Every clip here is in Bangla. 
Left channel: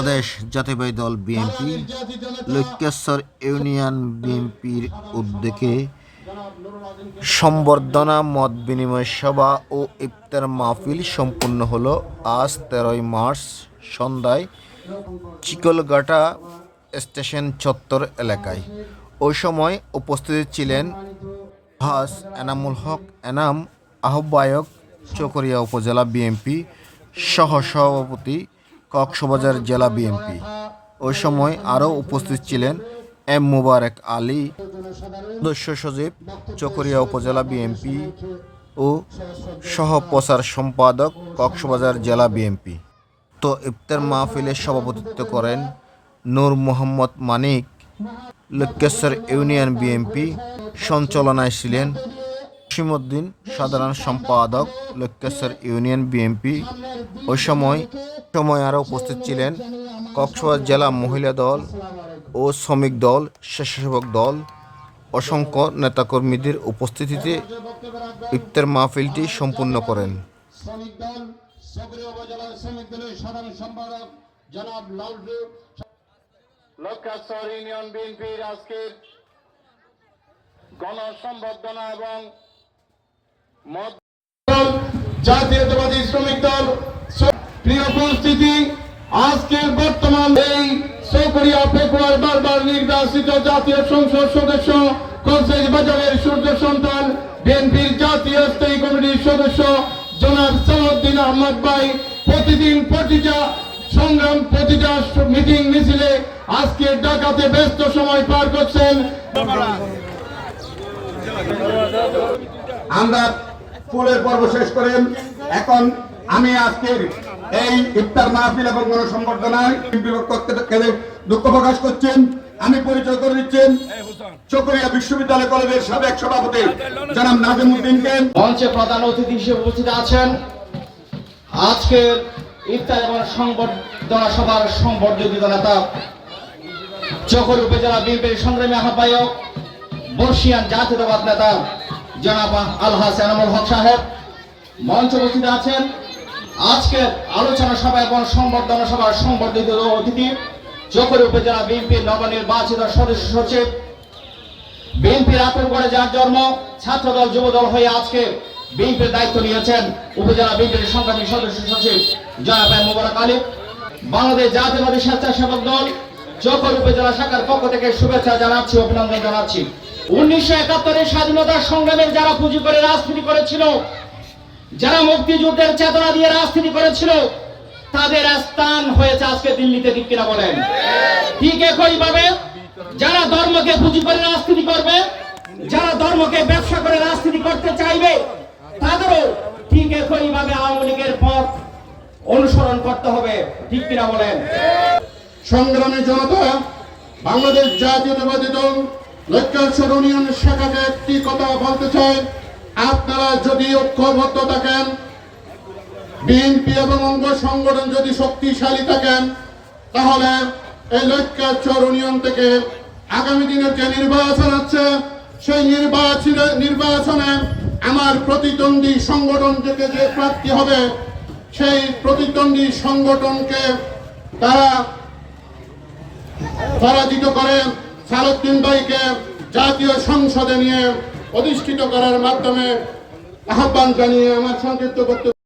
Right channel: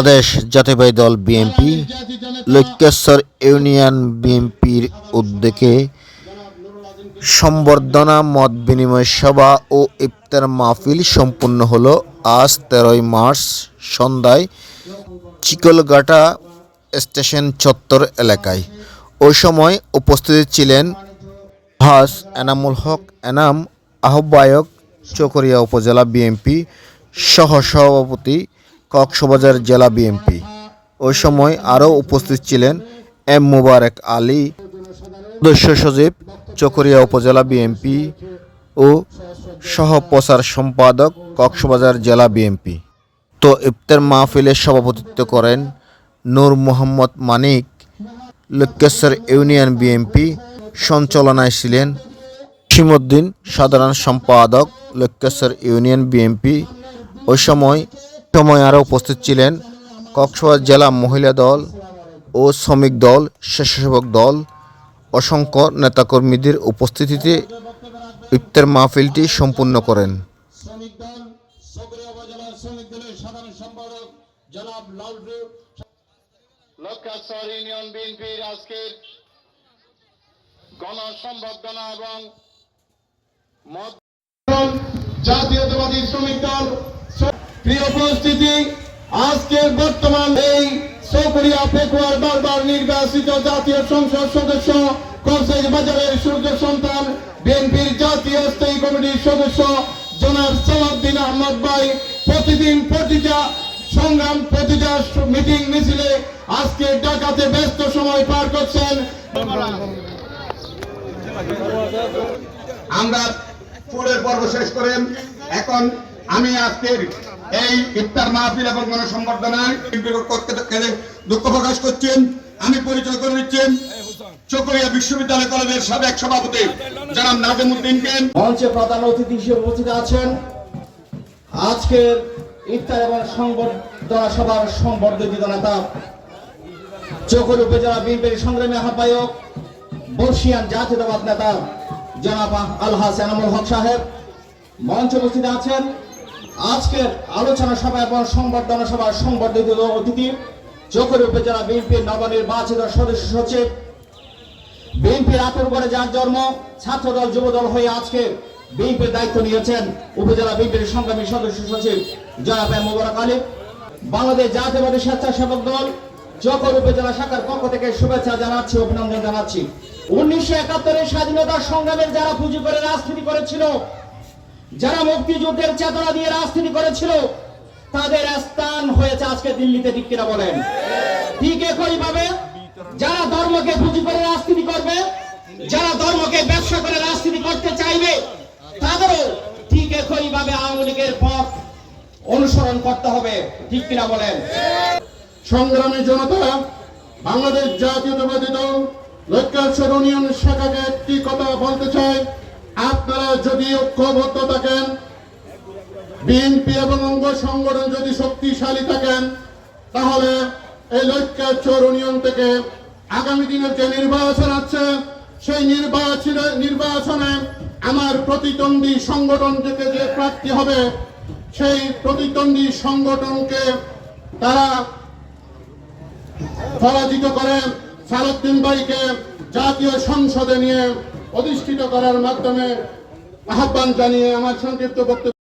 বাংলাদেশ জাতীয়বাদী দল বিএনপি, লক্ষ্যেশ্বর ইউনিয়ন বিএনপির উদ্যোগে সম্বর্ধনা, মত বিনিময় সভা ও ইফতার মাহফিল সম্পূর্ণ হলো আজ তেরোই মার্চ সন্ধ্যায় চিকলগাটা স্টেশন চত্বর এলাকায়। ওই সময় উপস্থিত ছিলেন হাস এনামুল হক এনাম, আহ্বায়ক চকরিয়া উপজেলা বিএনপি সহ সভাপতি কক্সবাজার জেলা বিএনপি। ওই সময় আরও উপস্থিত ছিলেন এম মুবারক আলী, সদস্য সচিব চকরিয়া উপজেলা বিএনপি ও সহ প্রচার সম্পাদক কক্সবাজার জেলা বিএনপি। তো ইফতার মাহফিলের সভাপতিত্ব করেন নূর মোহাম্মদ মানিক। লক্ষ্যেশ্বর ইউনিয়ন বিএনপি সঞ্চালনায় ছিলেন সীমুদ্দিন সাধারণ সম্পাদক লক্ষ্যেশ্বর ইউনিয়ন বিএনপি। ওই সময় সময় আরও উপস্থিত ছিলেন কক্সবাজার জেলা মহিলা দল ও শ্রমিক দল, স্বেচ্ছাসেবক দল, অসংখ্য নেতাকর্মীদের উপস্থিতিতে ইফতার মাহফিলটি সম্পূর্ণ করেন। জাতীয়তাবাদী শ্রমিক দল প্রিয় উপস্থিতি, আজকের বর্তমান এই চৌকরিয়া পেকুয়ার বারবার নির্বাচিত জাতীয় সংসদ সদস্য কলসাইজ বাজারের সূর্য সন্তান, বিএনপির জাতীয় স্থায়ী কমিটির সদস্য, জনাব সালাউদ্দিন আহমদ ভাই, প্রতিদিন প্রতিটা সংগ্রাম, প্রতিটা মিটিং, মিছিলে আজকে ঢাকাতে ব্যস্ত সময় পার করছেন। আমরা ফুলের পর্ব শেষ করেন। এখন আমি আজকের এই ইফতার মাহফিল এবং গণসংবর্ধনায় দুঃখ প্রকাশ করছেন। আমি পরিচয় করে দিচ্ছেন চকরিয়া বিশ্ববিদ্যালয় কলেজের সাবেক সভাপতি জনাব নাজিমুদ্দিনকে মঞ্চে প্রধান অতিথি হিসেবে উপস্থিত আছেন। আজকের ইফতার এবং সংবর্ধনা সভার সংবর্ধিত নেতা চকর উপজেলা বিএনপির সংগ্রামী আহ্বায়ক, বর্ষিয়ান জাতীয়তাবাদ নেতা জনাব আলহাস এনামুল হক সাহেব। মঞ্চে উপস্থিত আছেন আজকের আলোচনা সভা এবং সংবর্ধনা সভার সংবর্ধিত অতিথি চকর উপজেলা বিএনপির নবনির্বাচিত সদস্য সচিব, বিএনপির আতঙ্করে যার জন্ম ছাত্রদল যুবদল হয়ে আজকে বিএনপির দায়িত্ব নিয়েছেন উপজেলা বিএনপির সংগ্রামী সদস্য সচিব জনাব মুবারক আলী। বাংলাদেশ জাতীয়বাদী স্বেচ্ছাসেবক দল চকর উপজেলা শাখার পক্ষ থেকে শুভেচ্ছা জানাচ্ছি, অভিনন্দন জানাচ্ছি। উনিশশো একাত্তরের স্বাধীনতার সংগ্রামের যারা পুঁজি করে রাজনীতি করেছিল যারা মুক্তিযুদ্ধের চেতনা দিয়ে রাজনীতি করেছিল, তাদের স্থান হয়েছে আজকে দিল্লিতে, ঠিক কিনা বলেন? ঠিক একইভাবে যারা ধর্মকে পুঁজি করে রাজনীতি করবে, যারা ধর্মকে ব্যবসা করে রাজনীতি করতে চাইবে, তাদেরও ঠিক একইভাবে আওয়ামী লীগের পথ অনুসরণ করতে হবে, ঠিক কিনা বলেন? সংগ্রামী জনতা, বাংলাদেশ জাতীয়তাবাদী দল লক্ষ্যাশ্বর ইউনিয়ন শাখাকে একটি কথা বলতে চাই। আপনারা যদি ঐক্যবদ্ধ থাকেন বিএনপি এবং অঙ্গ সংগঠন যদি শক্তিশালী থাকেন, তাহলে এই লক্ষ্যাশ্বর ইউনিয়ন থেকে আগামী দিনের যে নির্বাচন আছে সেই নির্বাচনে নির্বাচনে আমার প্রতিদ্বন্দ্বী সংগঠন থেকে যে প্রার্থী হবে, সেই প্রতিদ্বন্দ্বী সংগঠনকে তারা পরাজিত করে। সালুদ্দিন ভাইকে জাতীয় সংসদে নিয়ে অধিষ্ঠিত করার মাধ্যমে আহ্বান জানিয়ে আমার সংক্ষিপ্ত বক্তব্য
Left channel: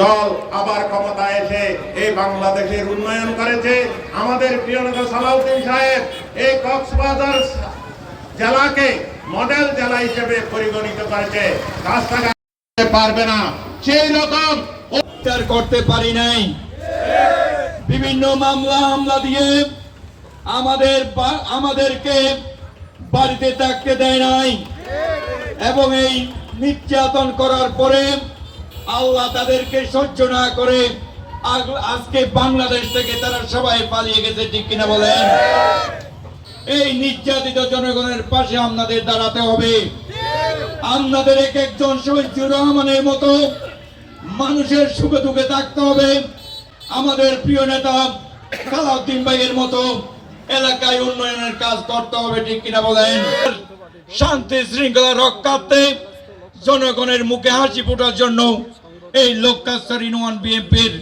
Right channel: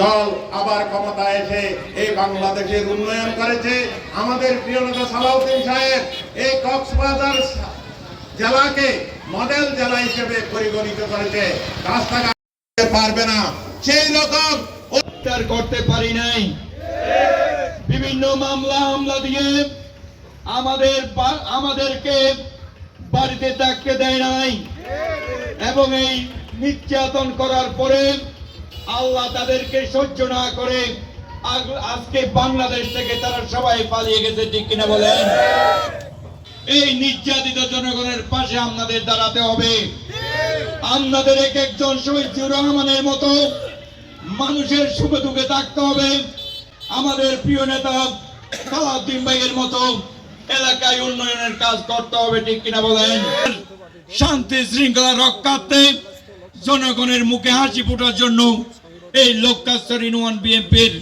দল আবার ক্ষমতায় এসে এই বাংলাদেশের উন্নয়ন করেছে। আমাদের প্রিয় নেতা সালাউদ্দিন সাহেব এই কক্সবাজার জেলাকে মডেল জেলা হিসেবে পরিগণিত করেছে। রাস্তাঘাট পারবে না। সেই রকম উদ্ধার করতে পারি নাই। বিভিন্ন মামলা হামলা দিয়ে আমাদের আমাদেরকে বাড়িতে থাকতে দেয় নাই। এবং এই নির্যাতন করার পরে আল্লাহ তাদেরকে সহ্য না করে আজকে বাংলাদেশ থেকে তারা সবাই পালিয়ে গেছে, ঠিক কিনা বলেন? এই নির্যাতিত জনগণের পাশে আপনাদের দাঁড়াতে হবে। আপনাদের এক একজন শহীদুর রহমানের মতো মানুষের সুখে দুঃখে থাকতে হবে। আমাদের প্রিয় নেতা সালাউদ্দিন ভাইয়ের মতো এলাকায় উন্নয়নের কাজ করতে হবে ঠিক কিনা বলেন? শান্তি শৃঙ্খলা রক্ষার্থে জনগণের মুখে হাসি ফোটার জন্য এই লোকাস্তর ইউনিয়ন বিএনপির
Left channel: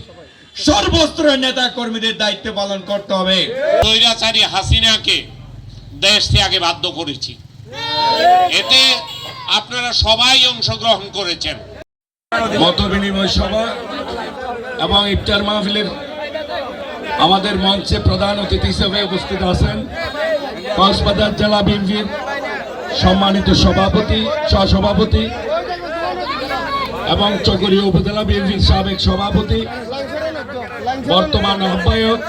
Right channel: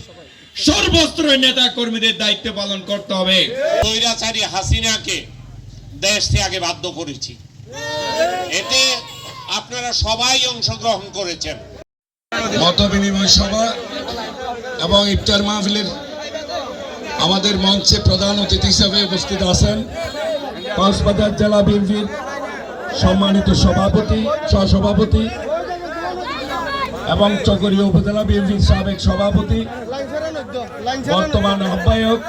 সর্বস্তরের নেতা কর্মীদের দায়িত্ব পালন করতে হবে। স্বৈরাচারী হাসিনাকে দেশ ত্যাগে বাধ্য করেছি। এতে আপনারা সবাই অংশগ্রহণ করেছেন। মত বিনিময় সভা এবং ইফতার মাহফিলের আমাদের মঞ্চে প্রধান অতিথি হিসেবে উপস্থিত আছেন কক্সবাজার জেলা বিএনপির সম্মানিত সভাপতি, সহসভাপতি এবং চকরিয়া উপজেলা বিএনপির সাবেক সভাপতি, বর্তমান আহ্বায়ক,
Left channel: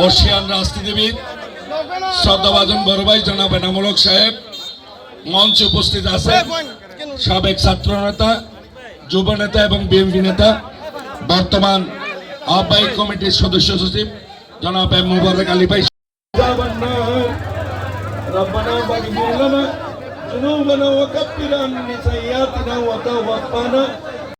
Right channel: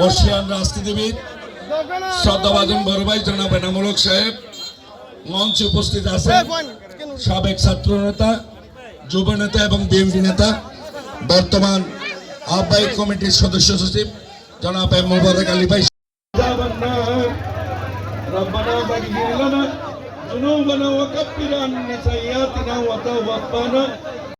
বর্ষিয়ান রাজনীতিবিদ, শ্রদ্ধাভাজন বড় ভাই জনাব এনামূলক সাহেব, মঞ্চে উপস্থিত আছেন সাবেক ছাত্র নেতা, যুব নেতা এবং বিএনপি নেতা, বর্তমান আহ্বায়ক কমিটির সদস্য সচিব জনাব এম মুবারক আলী ভাই ربنا فاغفر لنا ذنوبنا وكفر عنا سيئاتنا وتوفنا